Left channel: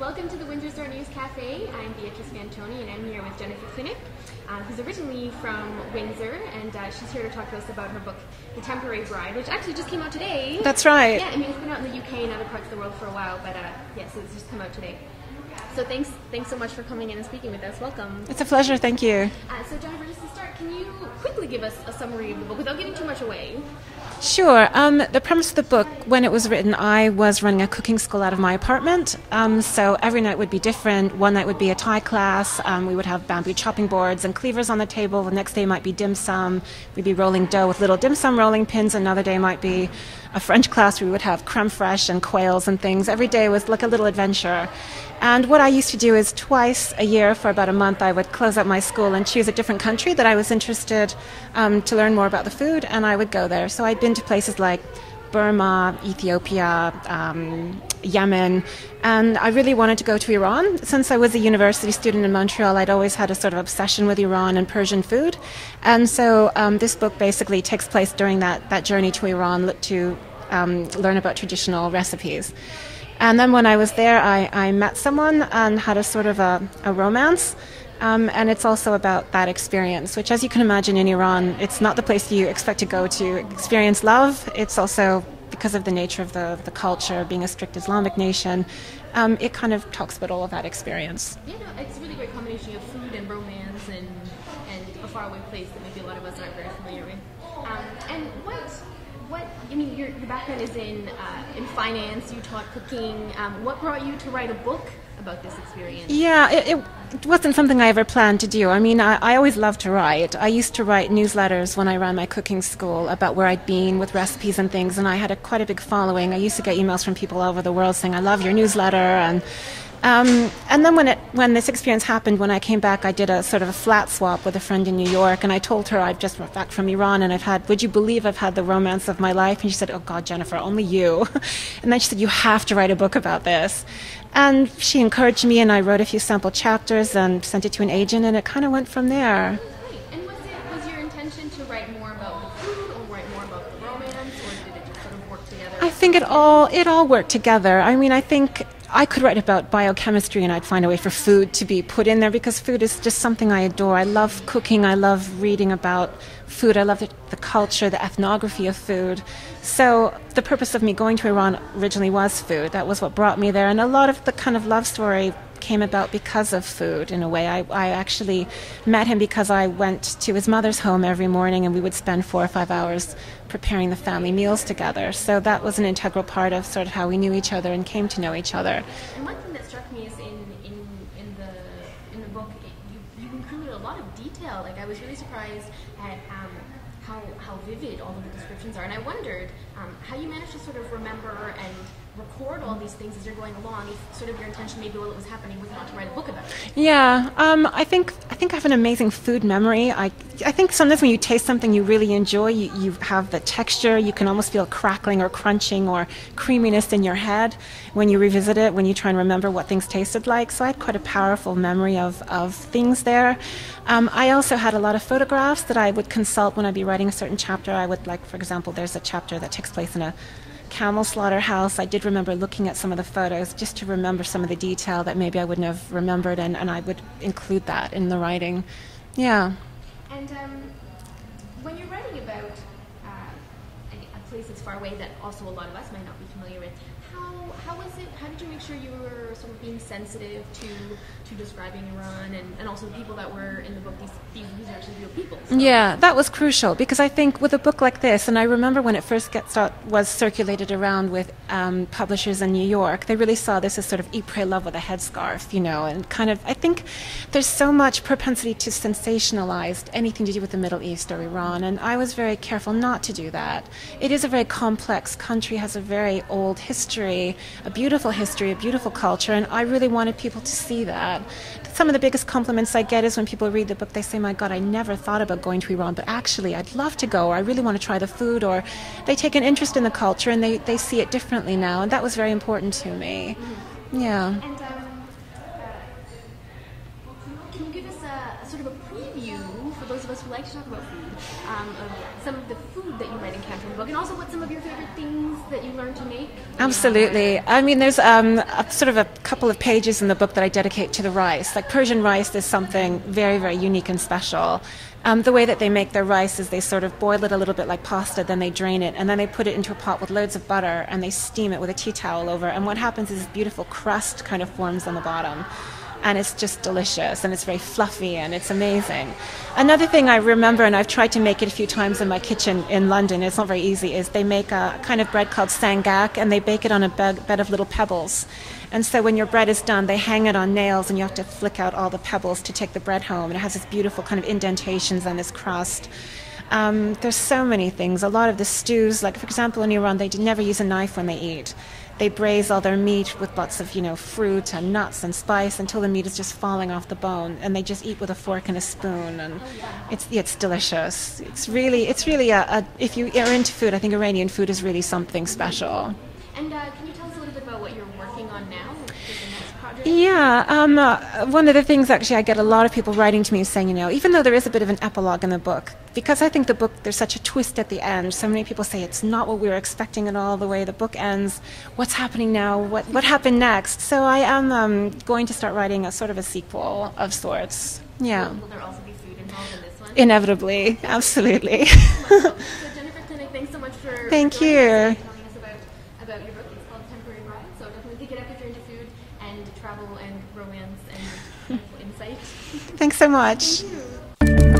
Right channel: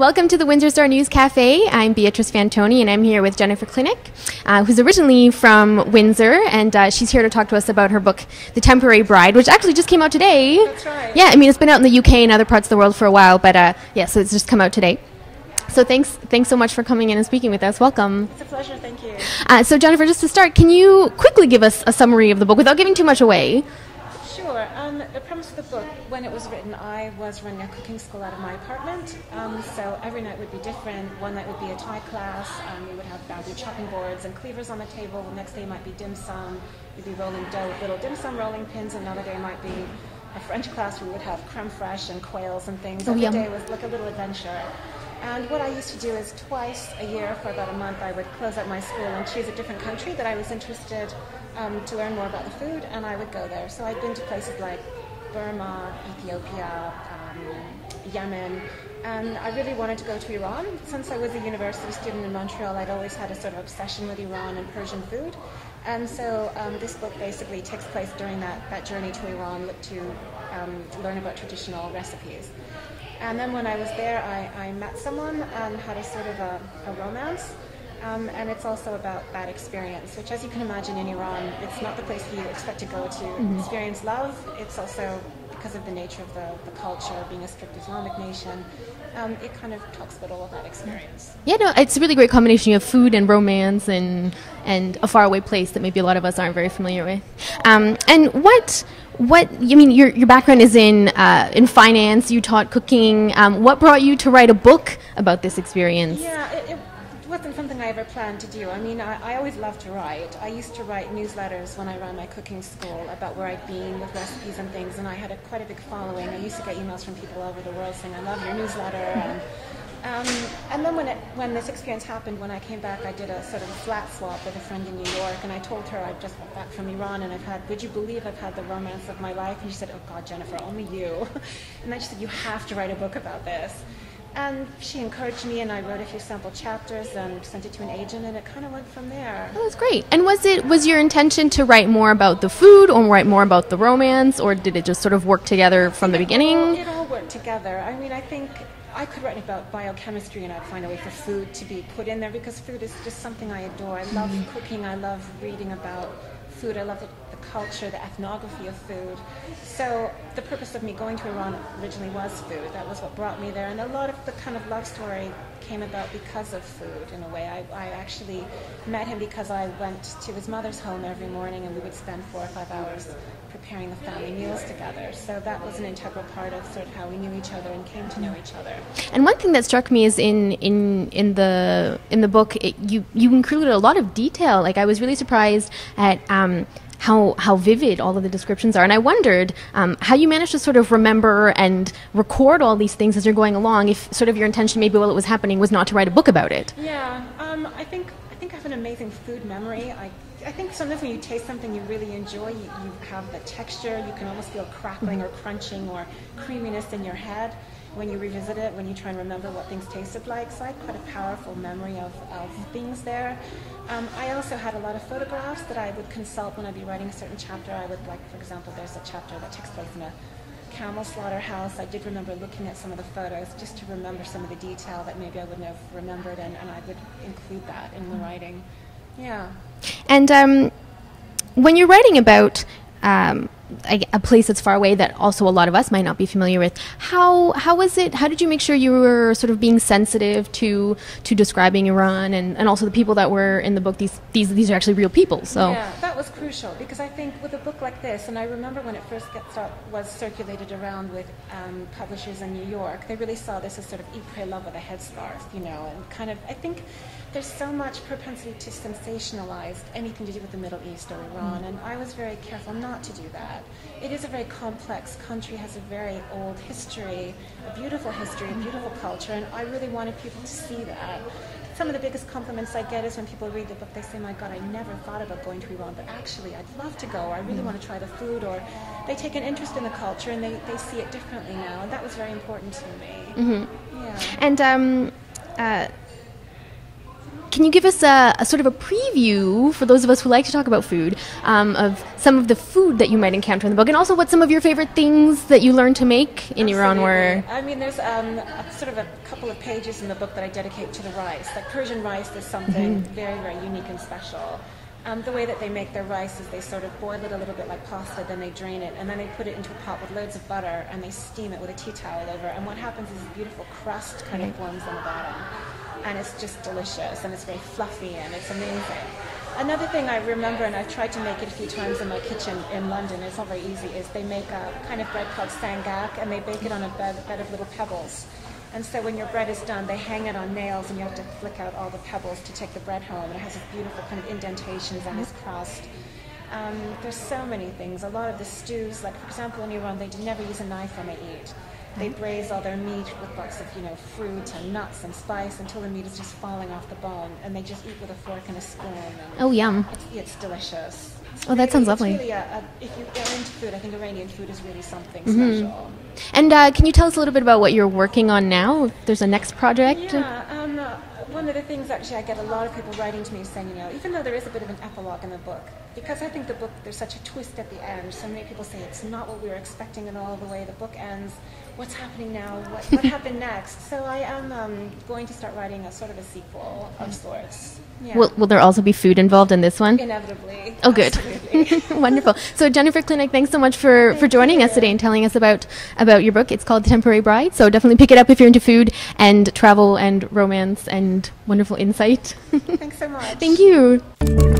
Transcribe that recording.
Welcome to the Windsor Star News Cafe. I'm Beatrice Fantoni, and I'm here with Jennifer Klinec, who's originally from Windsor, and she's here to talk to us about her book, The Temporary Bride, which actually just came out today. That's right. Yeah, I mean, it's been out in the UK and other parts of the world for a while, but yeah, so it's just come out today. So thanks so much for coming in and speaking with us. Welcome. It's a pleasure. Thank you. So Jennifer, just to start, can you quickly give us a summary of the book without giving too much away? Sure. The premise of the book, when it was written, I was running a cooking school out of my apartment. So every night would be different. One night would be a Thai class. We would have bamboo chopping boards and cleavers on the table. The next day might be dim sum. We'd be rolling dough with little dim sum rolling pins. Another day might be a French class where we would have creme fraiche and quails and things. Every day was like a little adventure. And what I used to do is twice a year for about a month, I would close up my school and choose a different country that I was interested to learn more about the food, and I would go there. So I'd been to places like Burma, Ethiopia, Yemen, and I really wanted to go to Iran. Since I was a university student in Montreal, I'd always had a sort of obsession with Iran and Persian food. And so this book basically takes place during that journey to Iran to learn about traditional recipes. And then when I was there, I met someone and had a sort of a romance. And it's also about that experience, which, as you can imagine, in Iran, it's not the place you expect to go to experience love. It's also, because of the nature of the culture, being a strict Islamic nation, it kind of talks about all of that experience. Yeah, no, it's a really great combination of food and romance and a faraway place that maybe a lot of us aren't very familiar with. And what I mean, your background is in finance. You taught cooking. What brought you to write a book about this experience? Yeah, it wasn't something I ever planned to do. I mean, I always loved to write. I used to write newsletters when I ran my cooking school about where I'd been with recipes and things, and I had quite a big following. I used to get emails from people all over the world saying, "I love your newsletter," and then when this experience happened, when I came back, I did a sort of a flat swap with a friend in New York, and I told her I've just got back from Iran, and would you believe I've had the romance of my life? And she said, "Oh God, Jennifer, only you." And then she said, "You have to write a book about this." And she encouraged me, and I wrote a few sample chapters and sent it to an agent, and it kind of went from there. Oh, that's great. And was your intention to write more about the food or write more about the romance, or did it just sort of work together from the beginning? It all worked together. I mean, I think I could write about biochemistry and I'd find a way for food to be put in there, because food is just something I adore. I love cooking. I love reading about food. I love the culture, the ethnography of food. So the purpose of me going to Iran originally was food. That was what brought me there. And a lot of the kind of love story came about because of food, in a way. I actually met him because I went to his mother's home every morning, and we would spend 4 or 5 hours preparing the family meals together. So that was an integral part of sort of how we knew each other and came to know each other. And one thing that struck me is in the book, you included a lot of detail. Like, I was really surprised at how vivid all of the descriptions are. And I wondered how you managed to sort of remember and record all these things as you're going along, if sort of your intention maybe while it was happening was not to write a book about it. Yeah, I think I have an amazing food memory. I think sometimes when you taste something you really enjoy, you have the texture, you can almost feel crackling or crunching or creaminess in your head when you revisit it, when you try and remember what things tasted like. So I had quite a powerful memory of things there. I also had a lot of photographs that I would consult when I'd be writing a certain chapter. I would, like, for example, there's a chapter that takes place in a camel slaughterhouse. I did remember looking at some of the photos just to remember some of the detail that maybe I wouldn't have remembered, and I would include that in the writing. Yeah. And when you're writing about a place that's far away that also a lot of us might not be familiar with, how was it? How did you make sure you were sort of being sensitive to describing Iran and also the people that were in the book? These are actually real people. So. Yeah, that was crucial, because I think with a book like this, and I remember when it first was circulated around with publishers in New York, they really saw this as sort of eat, pray, love with a headscarf, you know, and kind of, I think there's so much propensity to sensationalize anything to do with the Middle East or Iran, and I was very careful not to do that. It is a very complex country, has a very old history, a beautiful culture, and I really wanted people to see that. Some of the biggest compliments I get is when people read the book, they say, "My God, I never thought about going to Iran, but actually I'd love to go, or I really want to try the food," or they take an interest in the culture and they see it differently now, and that was very important to me. Mm-hmm. Yeah. And can you give us a sort of a preview, for those of us who like to talk about food, of some of the food that you might encounter in the book, and also what some of your favorite things that you learned to make in your own words? Absolutely. I mean, there's sort of a couple of pages in the book that I dedicate to the rice. Like Persian rice is something very, very unique and special. The way that they make their rice is they sort of boil it a little bit like pasta, then they drain it, and then they put it into a pot with loads of butter, and they steam it with a tea towel over. And what happens is this beautiful crust kind of forms on the bottom. And it's just delicious, and it's very fluffy, and it's amazing. Another thing I remember, and I've tried to make it a few times in my kitchen in London, it's not very easy, is they make a kind of bread called sangak, and they bake it on a bed of little pebbles. And so when your bread is done, they hang it on nails, and you have to flick out all the pebbles to take the bread home. And it has this beautiful kind of indentations on this crust. There's so many things. A lot of the stews, like for example in Iran, they never use a knife when they eat. They braise all their meat with lots of, fruit and nuts and spice until the meat is just falling off the bone, and they just eat with a fork and a spoon. And oh, yum! It's delicious. It's it's really if you are into food, I think Iranian food is really something special. And can you tell us a little bit about what you're working on now? There's a next project? Yeah. One of the things, actually, I get a lot of people writing to me saying, even though there is a bit of an epilogue in the book, because I think the book, there's such a twist at the end. So many people say it's not what we were expecting at all, the way the book ends. What's happening now? What happened next? So I am going to start writing a sort of a sequel of sorts. Yeah. Will there also be food involved in this one? Inevitably. Oh, good. Absolutely. Wonderful. So Jennifer Klinec, thanks so much for joining us today and telling us about your book. It's called The Temporary Bride. So definitely pick it up if you're into food and travel and romance and wonderful insight. Thanks so much. Thank you.